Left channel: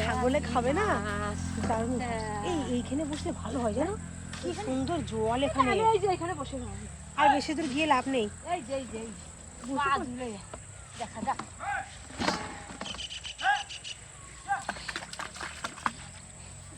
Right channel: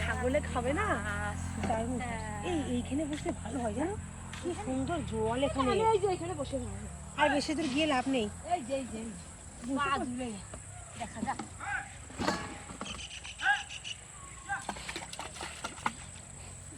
ছাগলে খাবে না, কারণ এইখানে বসলে ভালো হয় জানো, কি সুন্দর জল এখানে। এখানে বসে আর বেশি দূর গিয়ে লাভ নেই। দেখা যাক।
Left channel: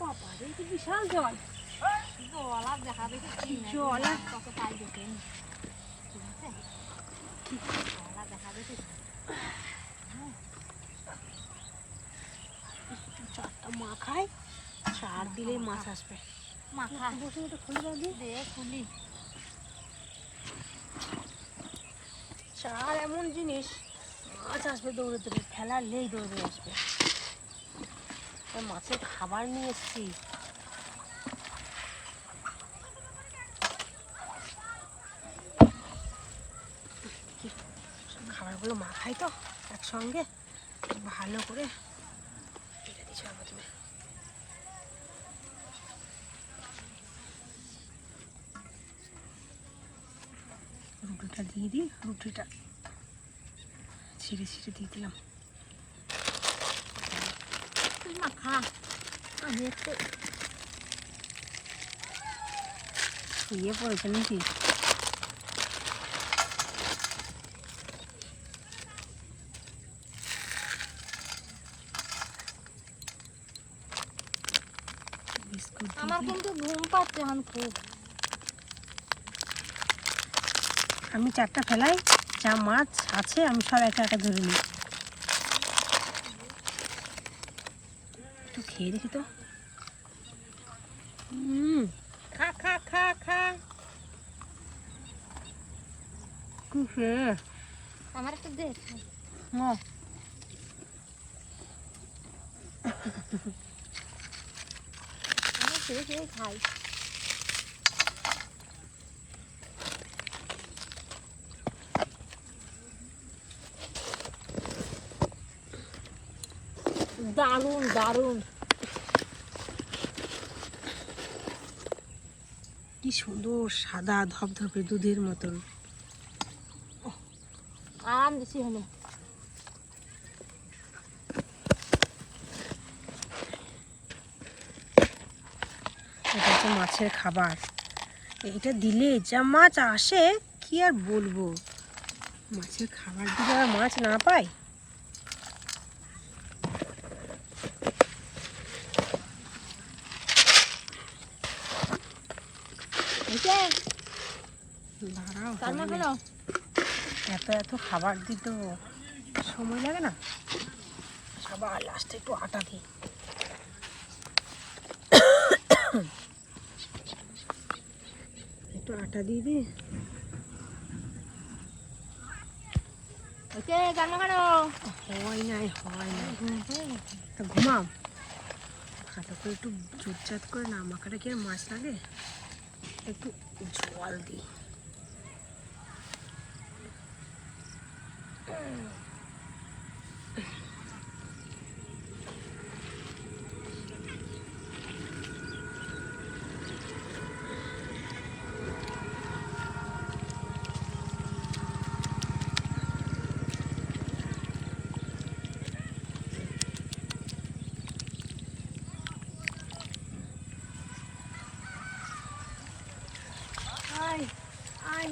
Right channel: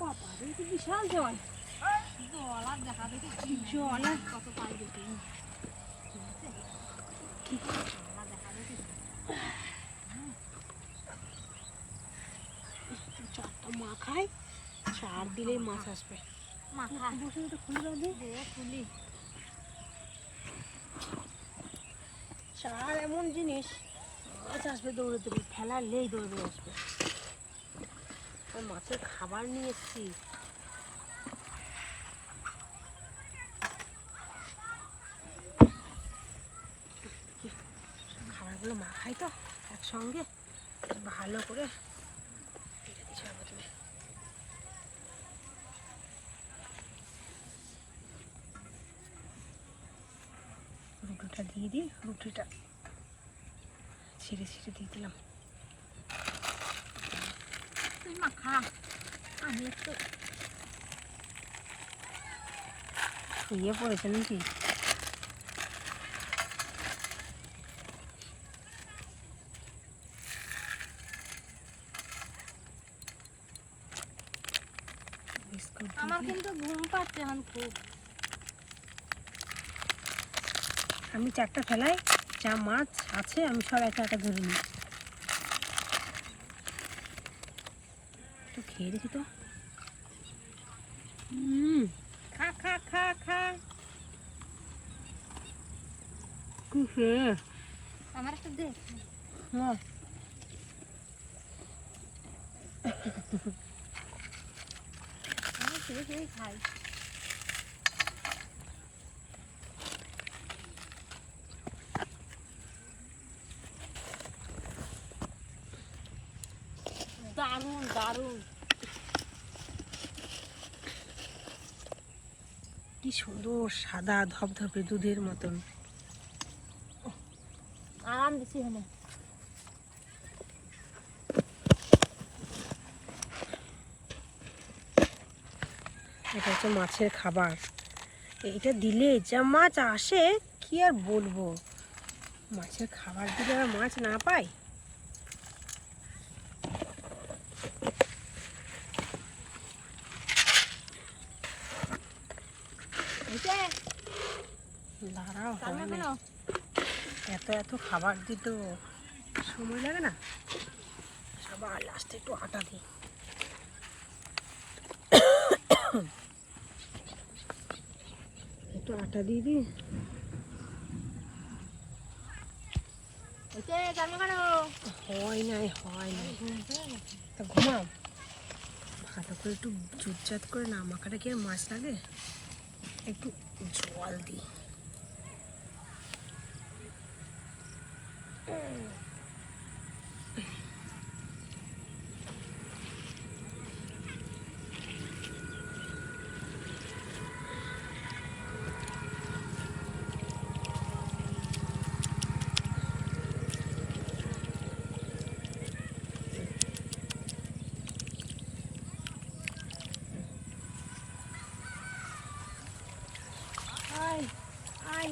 বাবা রে, কি বিশাল জল। জল আর দেখা দেখি জল আর কত পাই দেখে চারটা মাখায়, চার দিলে মাছ আসবে। চার এমন জিনিস, মাছ আসবে দৌড়ে দৌড়ে, ফেলালেই দৌড়ে দৌড়ে আসবে। মাছের খাবার নিয়ে এসছি। খাবারগুলো মাখাই তো একসঙ্গে ভালো করে। এটা দিচ্ছি প্রথমে। রুটিটা দিয়ে দিই, রুটিটা ছিঁড়ে ছিঁড়ে দিয়ে দিলাম। মাখা আমি একটু ইয়ে পড়েছে নাকি? বিস্কুট আমার কিন্তু ঘুম পাচ্ছে এখন খুব। আমি চারটা ফেলাই, যা মাছ আছে আমি সব একা একা ধরে নিই। একটু খেয়ে দেখি তো। খা খা খা খা। কি খেয়ে আমার একটু দে। আমি খেয়ে খেয়ে খাই। দারুণ দারুণ। কি সুন্দর সাদা ধবধবে দুধের মতন। আম দিছি হলে এটা হচ্ছে মাছের খাবার। এটা দিলে যা মাছ আসে কি আর বলবো। মাছের খাবার দিলে আর মাছ না পাই। দাঁড়াও, এত এত খাবার দিতে সময় লাগে না? সবার লাস্টে একটু আটা দিই। একটু আটা দিয়ে দিই। হয় নাই তা ঘুমাও ভালো করে, একটু জুটজাত করে না মাখাটা কি আর মাছ লাগে। একটু জল দিই।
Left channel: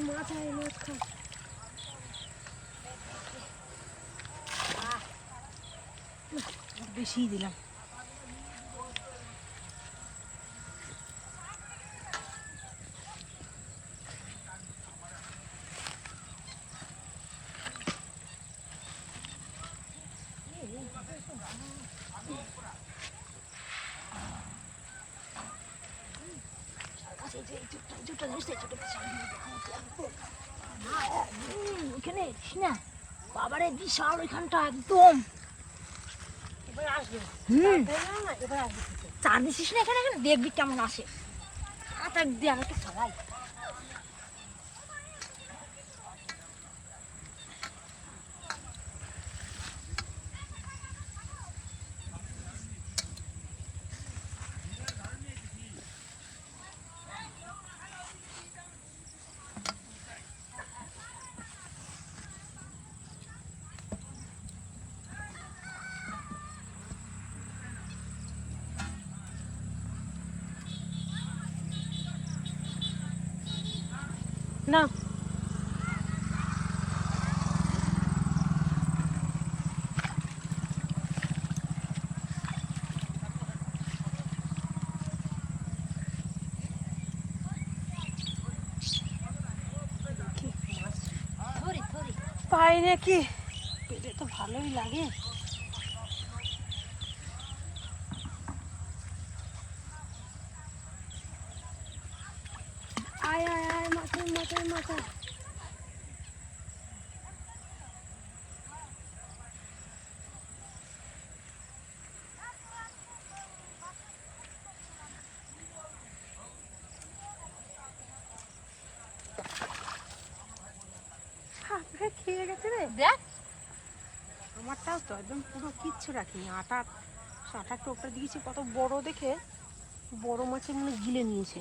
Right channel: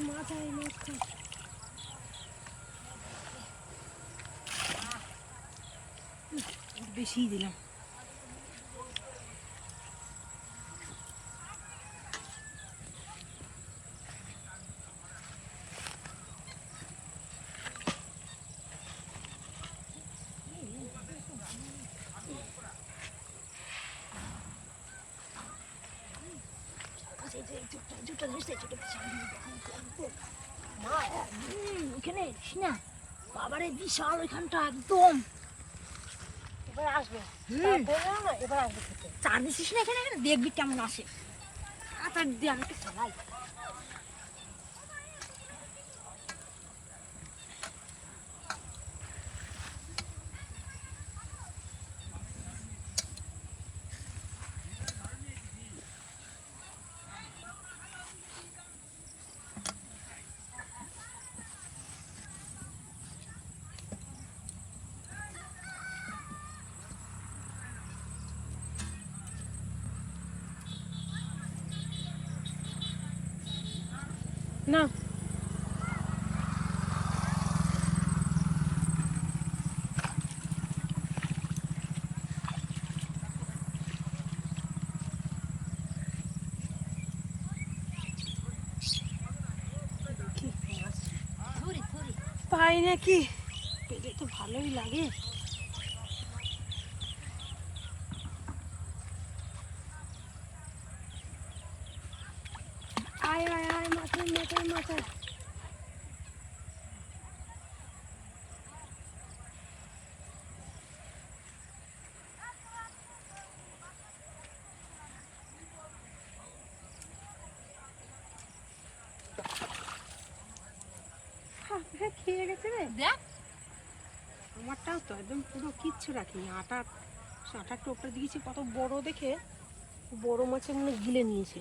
মাছ খা। বেশি দিলাম। ওইখানে না বাবারে বিশাল, ওইখানটা একদম। এবার আসবে। এবার আসবে। চার দিছিস না এখানে, এখানে দেখবি কেমন আসে। আচ্ছা দিয়ে আমাকে ফেলাই। না পাই নাকি, পেলে তো ভালোই লাগে। আয় আয় আয় মাথায় মাথায় মাথায়। খেয়ে গেছে রে দেখ। আমারটাও তো একদম পুরো কিচ্ছু রাখিনি, আটার টোপটা দিয়েছি কত বড় দেখে, বড় মাছে মনে গিলে নিয়েছে।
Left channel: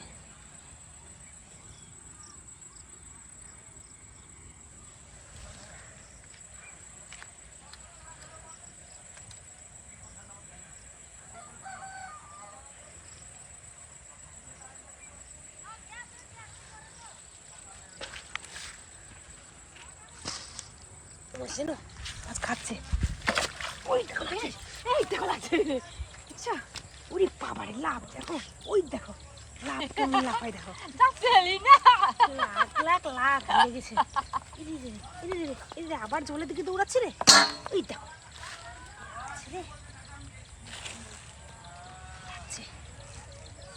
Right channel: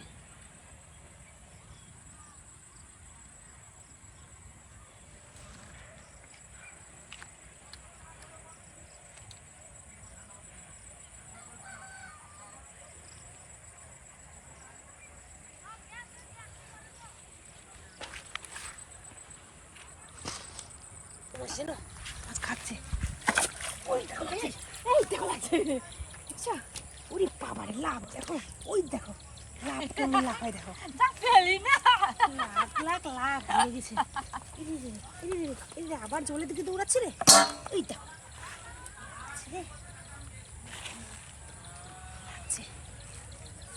না আজ খাচ্ছে, ওই দেখো লাগছে, এই দেখো লাগছে, আচ্ছা ওরে বাবারে লাভ দেখো, ওই দেখো লাভ কেমন লাফাই দেখো, লাখ লাখ লাখ লেগেছে। এই আবার জলের দিকে দৌড়াচ্ছে রে, ওই দেখো রে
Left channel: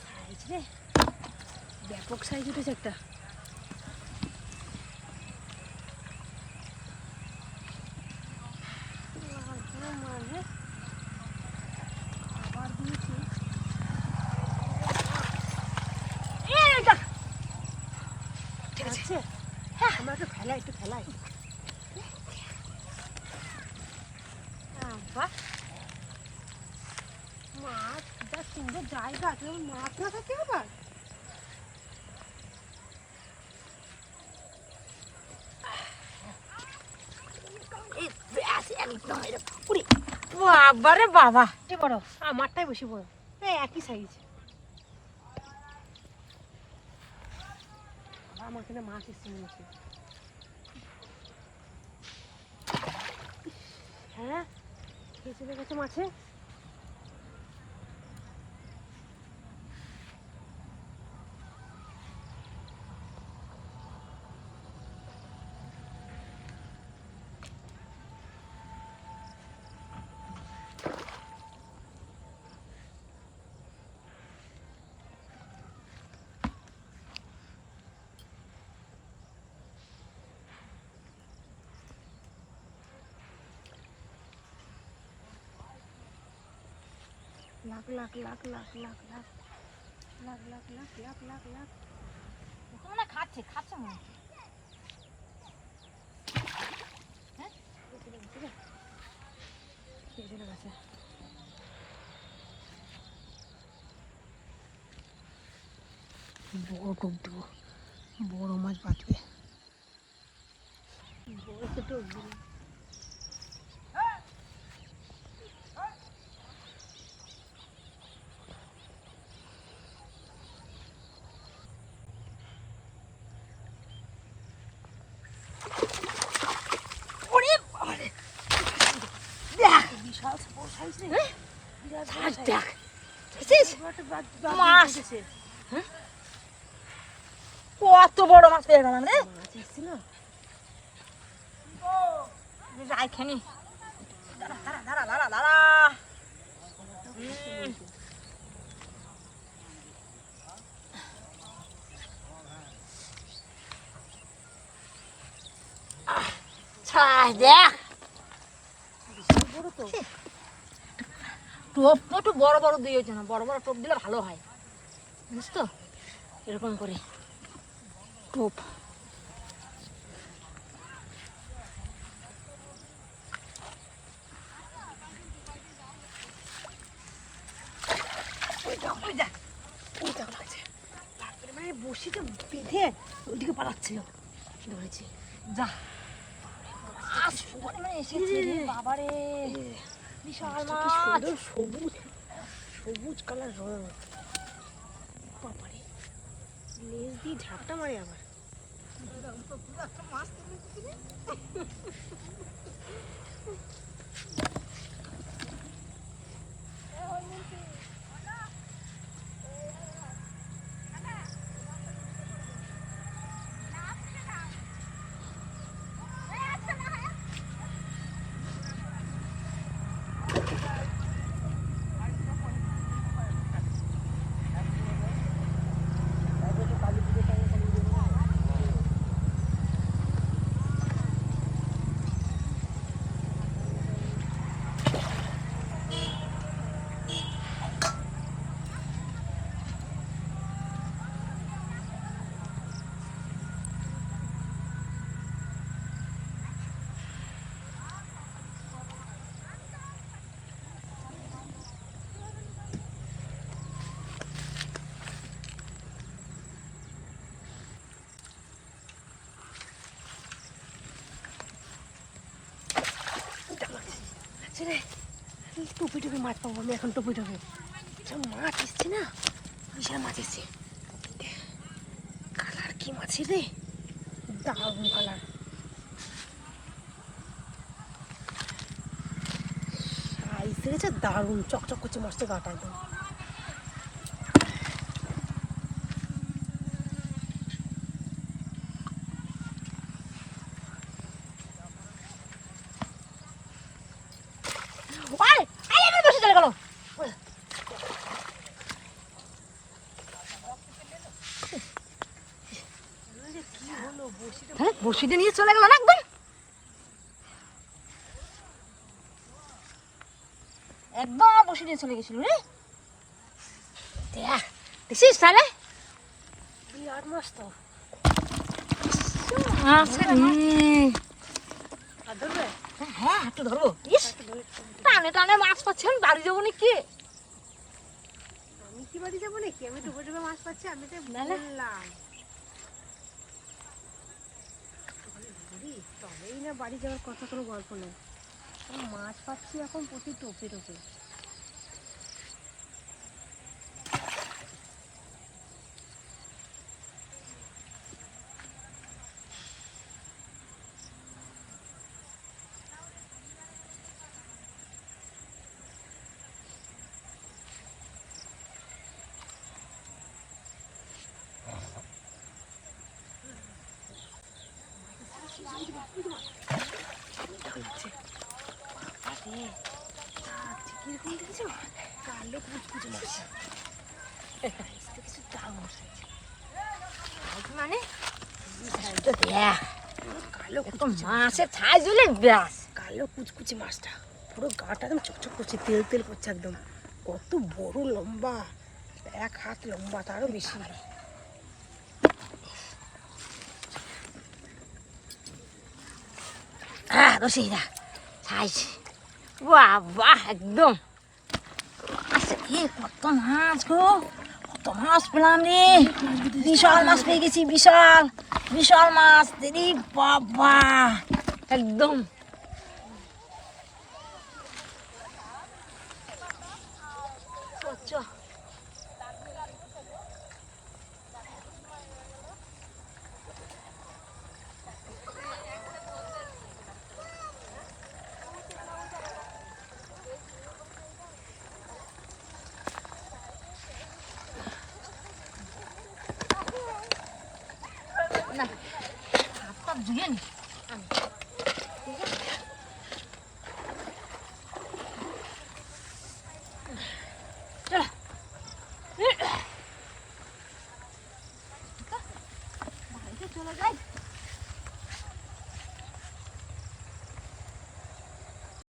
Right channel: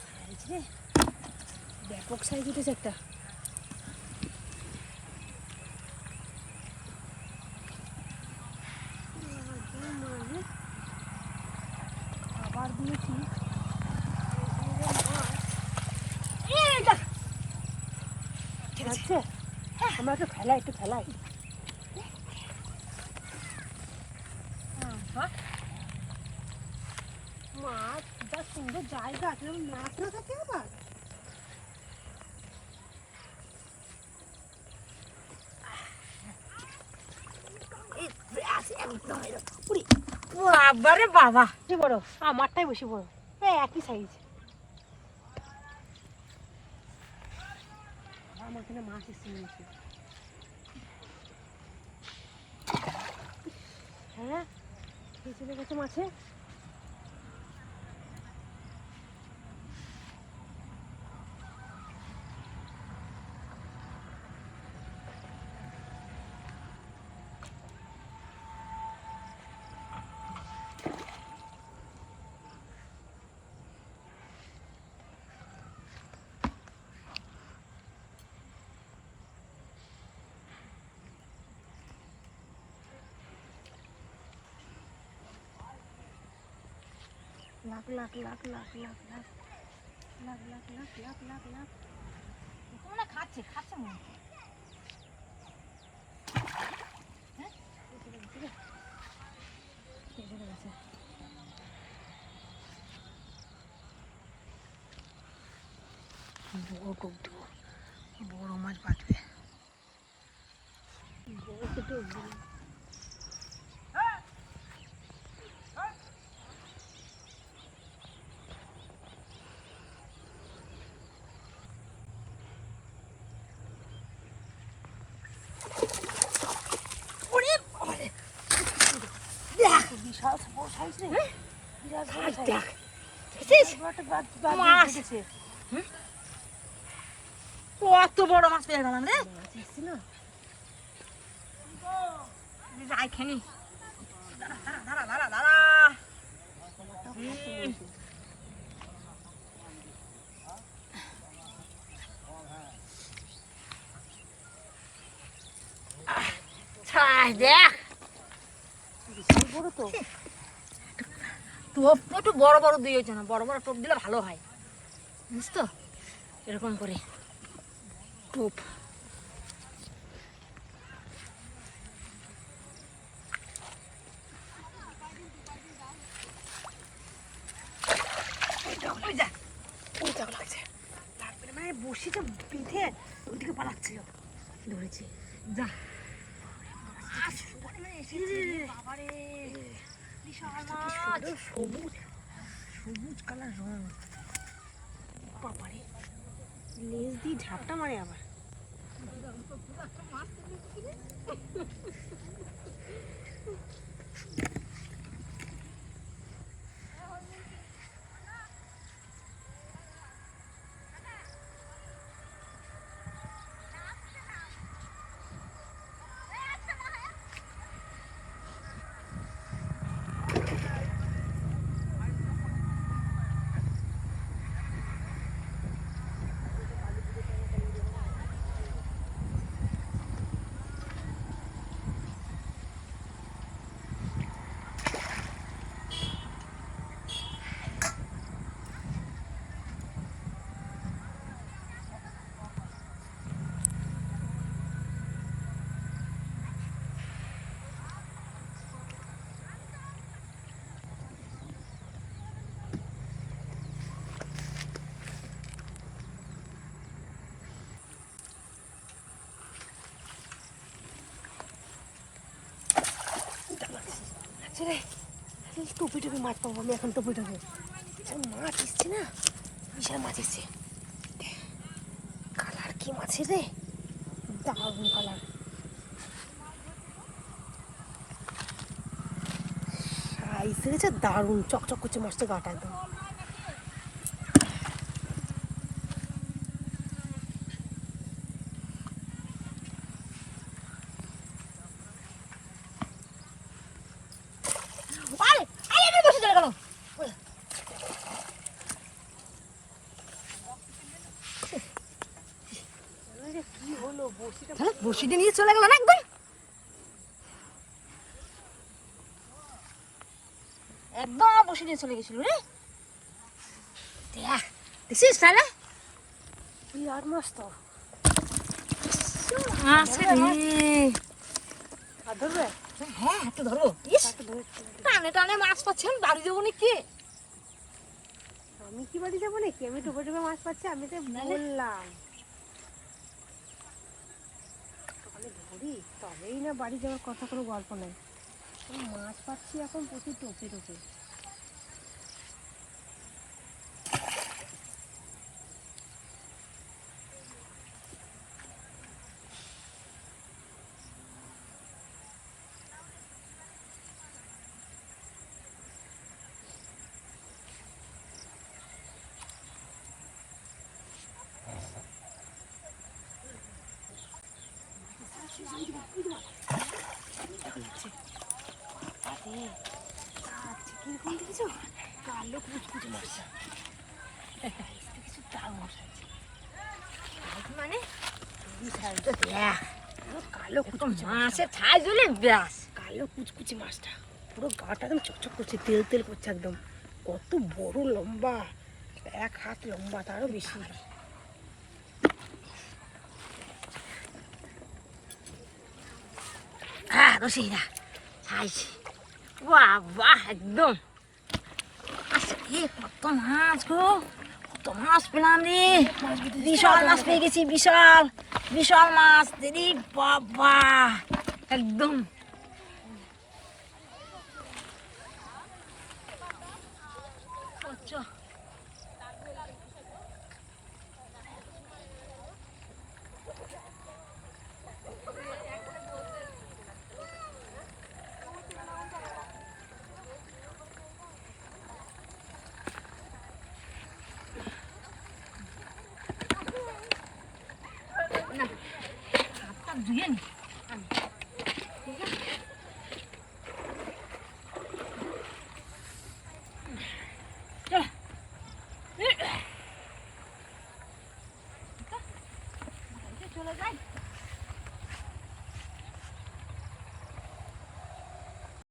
সাইজ রে, ব্যাপক সাইজ উঠেছে একটা। খাবার দিয়েছি ঠিক আছে, হ্যাঁ আমাকে ফেলাই একটু ফেলাই। মাছ যা সুন্দর জায়গা আছে, মাছ না থাকে আবার। বাবারে বাবা কি বড়, আমারটাই বেশি বড়, একই সাইজ। আমার এখানে মাছ এসছে নিয়েছে, হ্যাঁ খেয়ে চলে গেছে মাছে। লাখ লাখ লাখ লাখ লাখ লাখ লাখ লাখ লাখ লাখ লাখ লাখ মনে খাচ্ছে খাচ্ছে মনে হ্যাঁ চলে গেছে। বড় টোপ দেবো, বড় মাছ বাঁচবে, বড় তো টোপ দিল। কত বড় মাছ পেয়ে গেলাম রে, মাছ এসছে না যাই খেনি। দাঁড়া দাঁড়া দাঁড়া দাঁড়া, দেখ টোপ তো একটু বড় বড় দিয়েছে না, বড় বড় টোপ দিলে ভালো হয় বুঝছ তো, এরকম করে টোপ। মানে বসিটা বেঁধে ওইদিকে পালাচ্ছিল, ধরেছি যা বাবারে বিশাল মাছ, সুন্দর সবুজ সবুজ কালার রং, বাবারে লেজ দিয়ে ঝাপটা মারে আবার। রে টুপি টুপি মাছ পাবো আমি এখন টুপি টুপি মাছ এসছে না বিশাল মাছ এসছে কালার কি মাছের রে দারুণ কালার সাইজ দেখেছে দারুণ চকচক করছে মাছটা গাটা একদম বসিটা নিয়ে চলে গেল না একদম একদম বসে নিয়ে চলে গেছিল রে দেখছিস তাহলে তুই আর মাছ তো আচ্ছা হ্যাঁ একটু ধরবো ইস টানে টানে মাছ পাচ্ছেন বাড়ি যাবো নাকি আমি কি বাড়ি যাবো নাকি আমি ডুবে ডুবে মাছ পাচ্ছি আমি তো বললাম তবেই না বাড়ি যাওয়ার কথা কোনো গল্প নেই মাছ পাচ্ছি এখন প্রতি টোপে টোপে কিরকম দেখেছো কালো কুচকুচে মাছ দেখেছো দারুণ সাইজ মানে কালো মাছের সাইজ হলে ব্যাস কালো কুচকুচে মাছটা পুরো গাটা একদম চকচক করছে তেল তেল করছে একদম কত বড় লম্বা এক হাত লম্বা তারও বেশি রসিদা সাইজ বাহ বাহ একদম কত মাছ গো কত মাছ পেলাম রে বিশাল মাছ পেয়ে গেছি বিশাল বিশাল মাছ দিদি বাবা একদম ধুয়ে নি চলে যাই